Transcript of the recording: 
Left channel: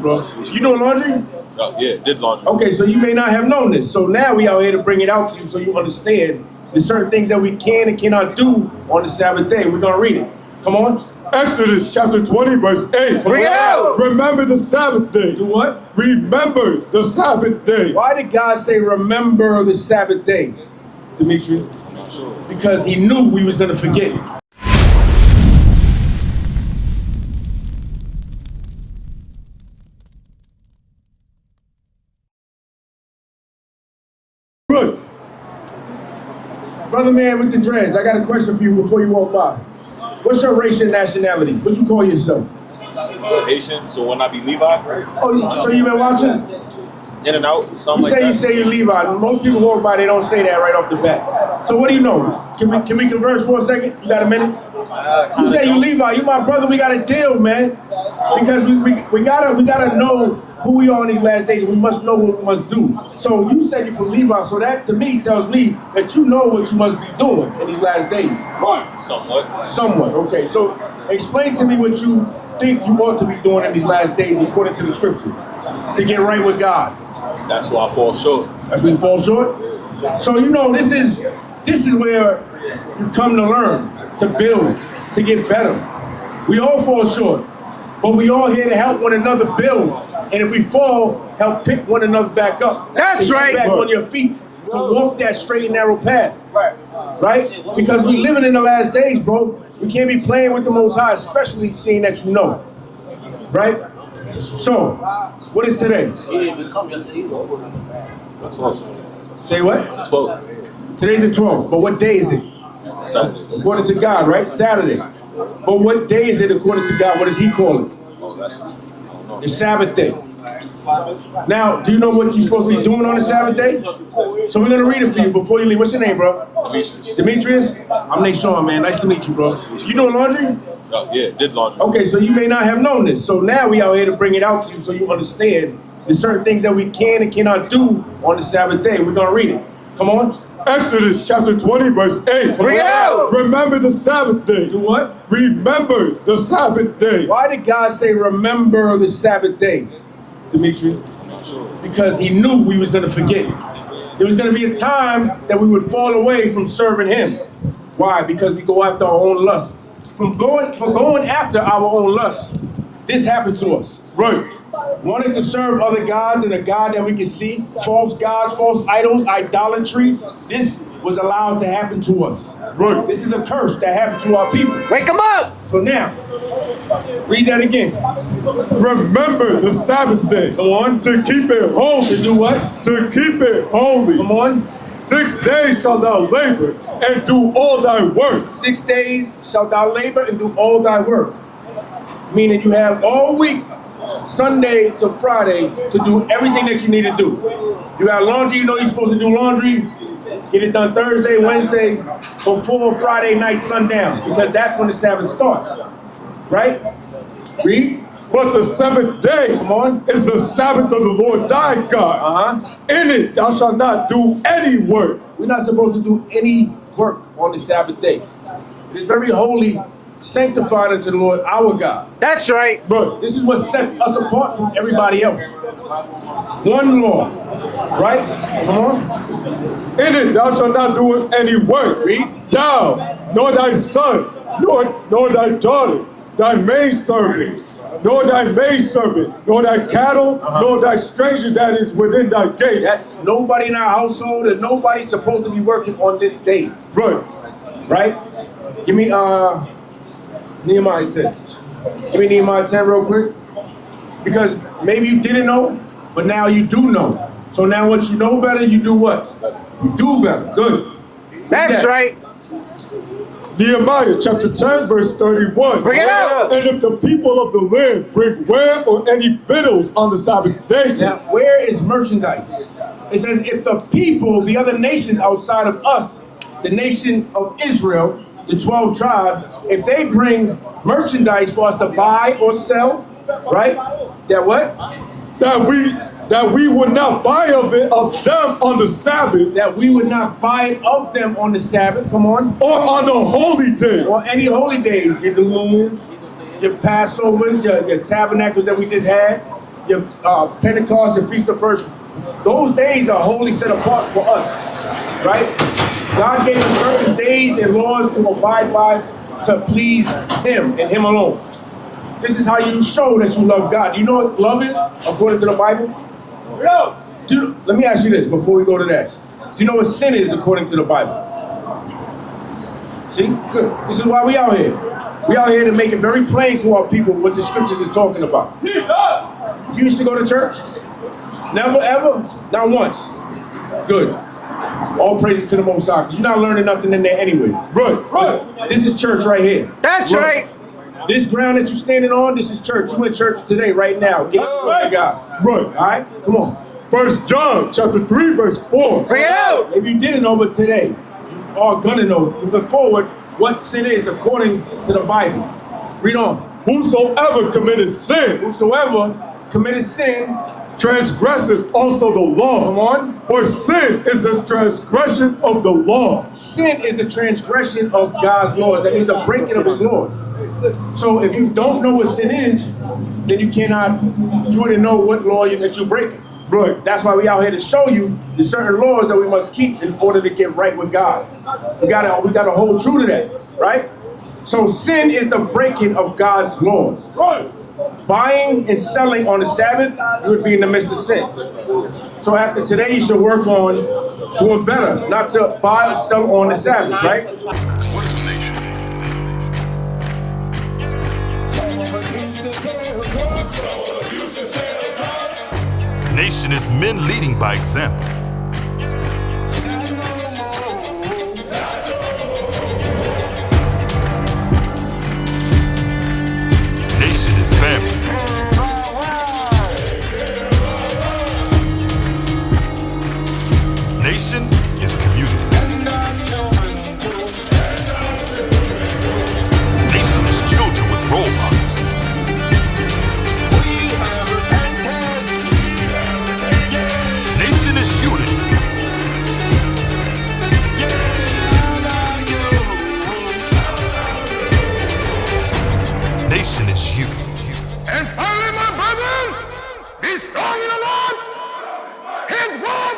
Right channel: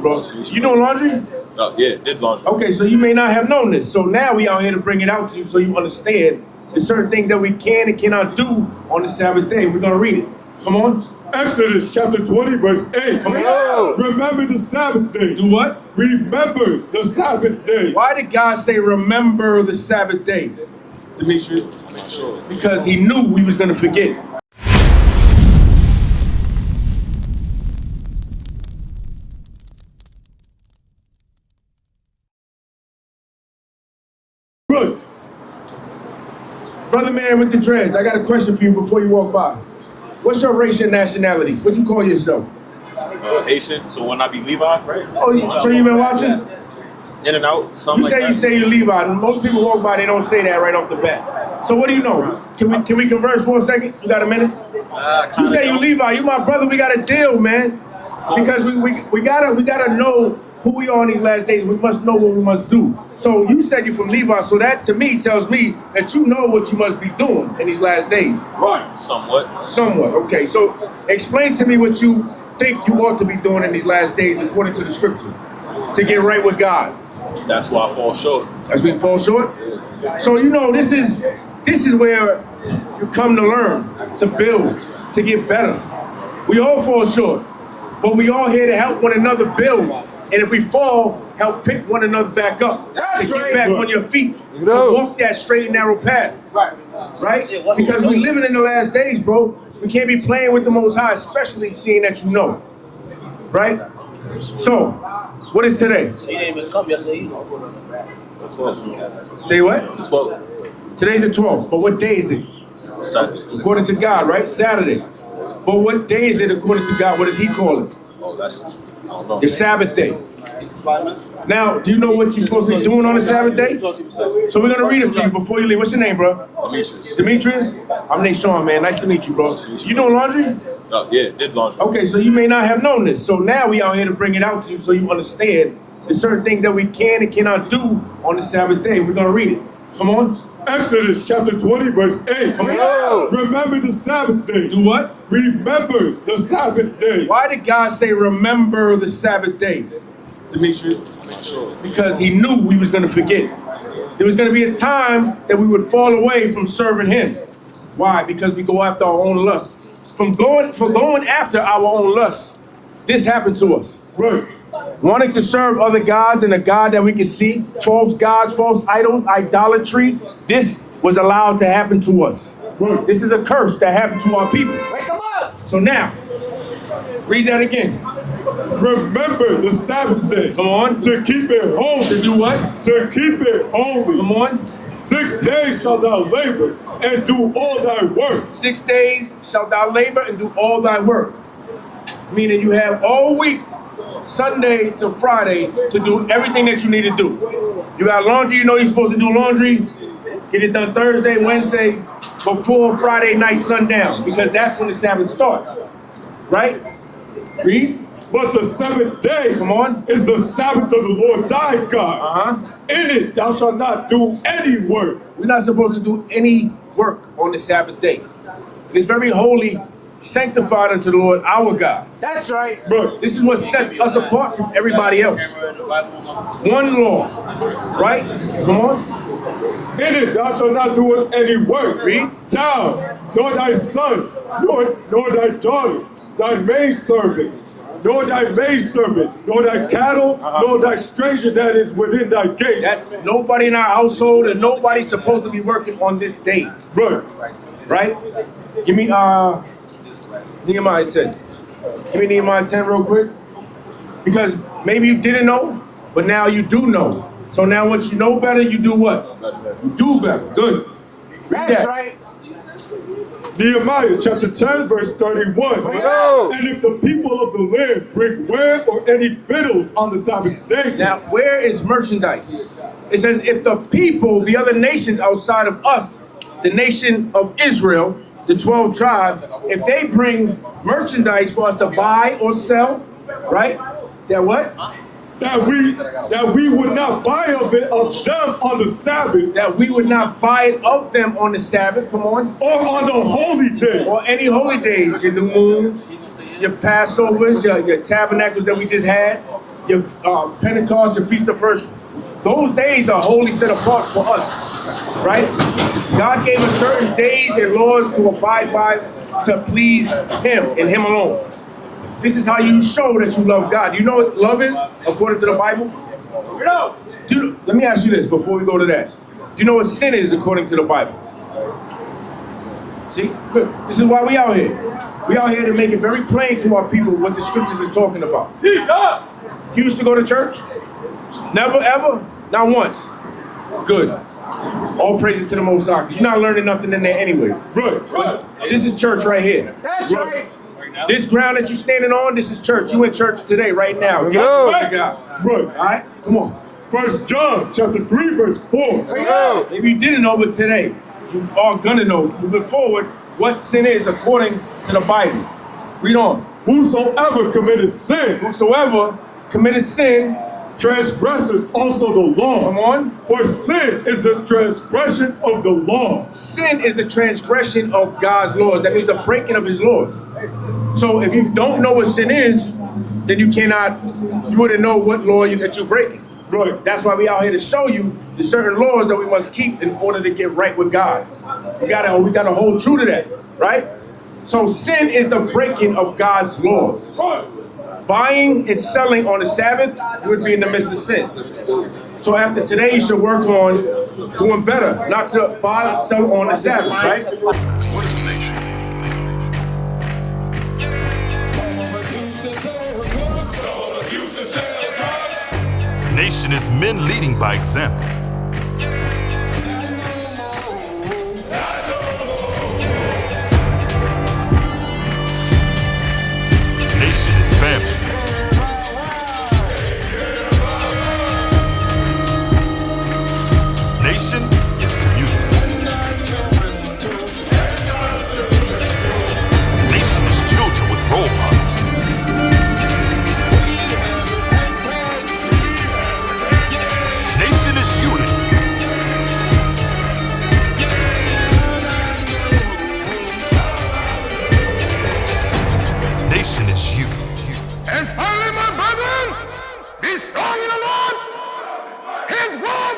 bro. You doing laundry? Yeah, did laundry. Okay, so you may not have known this. So now we are here to bring it out to you so you understand there's certain things that we can and cannot do on the Sabbath day. We're going to read it. Come on. Exodus chapter 20, verse 8. Remember the Sabbath day. Do what? Remember the Sabbath day. Why did God say remember the Sabbath day, Demetrius? Because he knew we was going to forget. Good. Brother man with the dreads, I got a question for you before you walk by. What's your race and nationality? What you call yourself? Haitian, so when I be Levi? Oh, so you been watching? In and out, something You say you're Levi. Most people walk by, they don't say that right off the bat. So what do you know? Can we converse for a second? You got a minute? You say you Levi. You my brother. We got a deal, man. Because we gotta know who we are in these last days, and we must know what we must do. So you said you're from Levi, so that to me tells me that you know what you must be doing in these last days. Somewhat. Somewhat. Okay. So explain to me what you think you ought to be doing in these last days according to the scripture to get right with God. That's why I fall short. That's when you fall short? So you know this is where you come to learn, to build, to get better. We all fall short, but we all here to help one another build. And if we fall, help pick one another back up. That's to right. Get back on your feet, to walk that straight and narrow path. Right? Because we're living in the last days, bro. We can't be playing with the Most High, especially seeing that you know. Right? So, what is today? He didn't even come yesterday either. The 12th. Say what? The 12th. Today's the 12th, but what day is it? Saturday. According to God, right? Saturday. But what day is it according to God? What does he call it? Oh, that's, I don't know. The Sabbath day. Now, do you know what you're supposed to be doing on the Sabbath day? So we're going to read it for you before you leave. What's your name, bro? Demetrius. Demetrius? I'm Nate Sean, man. Nice to meet you, bro. You doing laundry? Yeah, did laundry. Okay, so you may not have known this. So now we are here to bring it out to you so you understand there's certain things that we can and cannot do on the Sabbath day. We're going to read it. Come on. Exodus chapter 20, verse 8. Remember the Sabbath day. Do what? Remember the Sabbath day. Why did God say remember the Sabbath day, Demetrius? Because he knew we was going to forget. There was going to be a time that we would fall away from serving him. Why? Because we go after our own lust. From going after our own lust, this happened to us. Right. Wanting to serve other gods and a God that we can see, false gods, false idols, idolatry, this was allowed to happen to us. Right. This is a curse that happened to our people. Wake him up! So now, read that again. Remember the Sabbath day. Come on. To keep it holy. To do what? To keep it holy. Come on. 6 days shalt thou labor and do all thy work. 6 days shalt thou labor and do all thy work. Meaning you have all week, Sunday to Friday, to do everything that you need to do. You got laundry, you know you're supposed to do laundry. Get it done Thursday, Wednesday, before Friday night sundown, because that's when the Sabbath starts. Right? Read. But the seventh day, Come on. is the Sabbath of the Lord thy God. In it thou shalt not do any work. We're not supposed to do any work on the Sabbath day. It's very holy, sanctified unto the Lord our God. That's right. Right. This is what sets us apart from everybody else. One law, right? Come on. In it thou shalt not do any work. Read. Thou, nor thy son, nor thy daughter, thy maidservant, nor thy maidservant, nor thy cattle, nor thy stranger that is within thy gates. That's nobody in our household, and nobody's supposed to be working on this day. Right. Right? Give me Nehemiah 10. Give me Nehemiah 10 real quick. Because maybe you didn't know, but now you do know. So now what you know better, you do what? You do better. Good. That's right. Nehemiah chapter 10, verse 31. Bring it out. And if the people of the land bring ware or any victuals on the Sabbath day, Now, where is merchandise? It says, if the people, the other nations outside of us, the nation of Israel, the 12 tribes, if they bring merchandise for us to buy or sell, right? That what? that we would not buy of them on the Sabbath, That we would not buy it of them on the Sabbath, come on. or on the holy day. Or any holy days, your new moons, your Passovers, your tabernacles that we just had, your Pentecost, your Feast of First. Those days are wholly set apart for us, right? God gave us certain days and laws to abide by to please Him and Him alone. This is how you show that you love God. You know what love is, according to the Bible? Dude, let me ask you this before we go to that. You know what sin is, according to the Bible? See? Good. This is why we out here. We out here to make it very plain to our people what the scriptures is talking about. You used to go to church? Never, ever? Not once. Good. All praises to the Most High. You're not learning nothing in there anyways. Right. This is church right here. That's right. This ground that you're standing on, this is church. You in church today, right now. Get Go. to God. Right. All right? Come on. 1 John chapter 3, verse 4. Bring it out. Maybe you didn't know, but today, you are gonna know, moving forward, what sin is according to the Bible. Read on. Whosoever committed sin Whosoever committed sin, transgresseth also the law. come on. For sin is a transgression of the law. Sin is the transgression of God's laws. That means the breaking of His laws. So if you don't know what sin is, then you wouldn't know what law that you're breaking. Right. That's why we out here to show you the certain laws that we must keep in order to get right with God. We gotta hold true to that, right? So sin is the breaking of God's laws. Buying and selling on the Sabbath, you would be in the midst of sin. So after today, you should work on doing better, not to buy and sell on the Sabbath, right? What is the nation? Nation is men leading by example. Nation is family. Nation is community. Nation is children with role models. Nation is unity. Nation is you. And finally, my brethren, be strong in the Lord. His word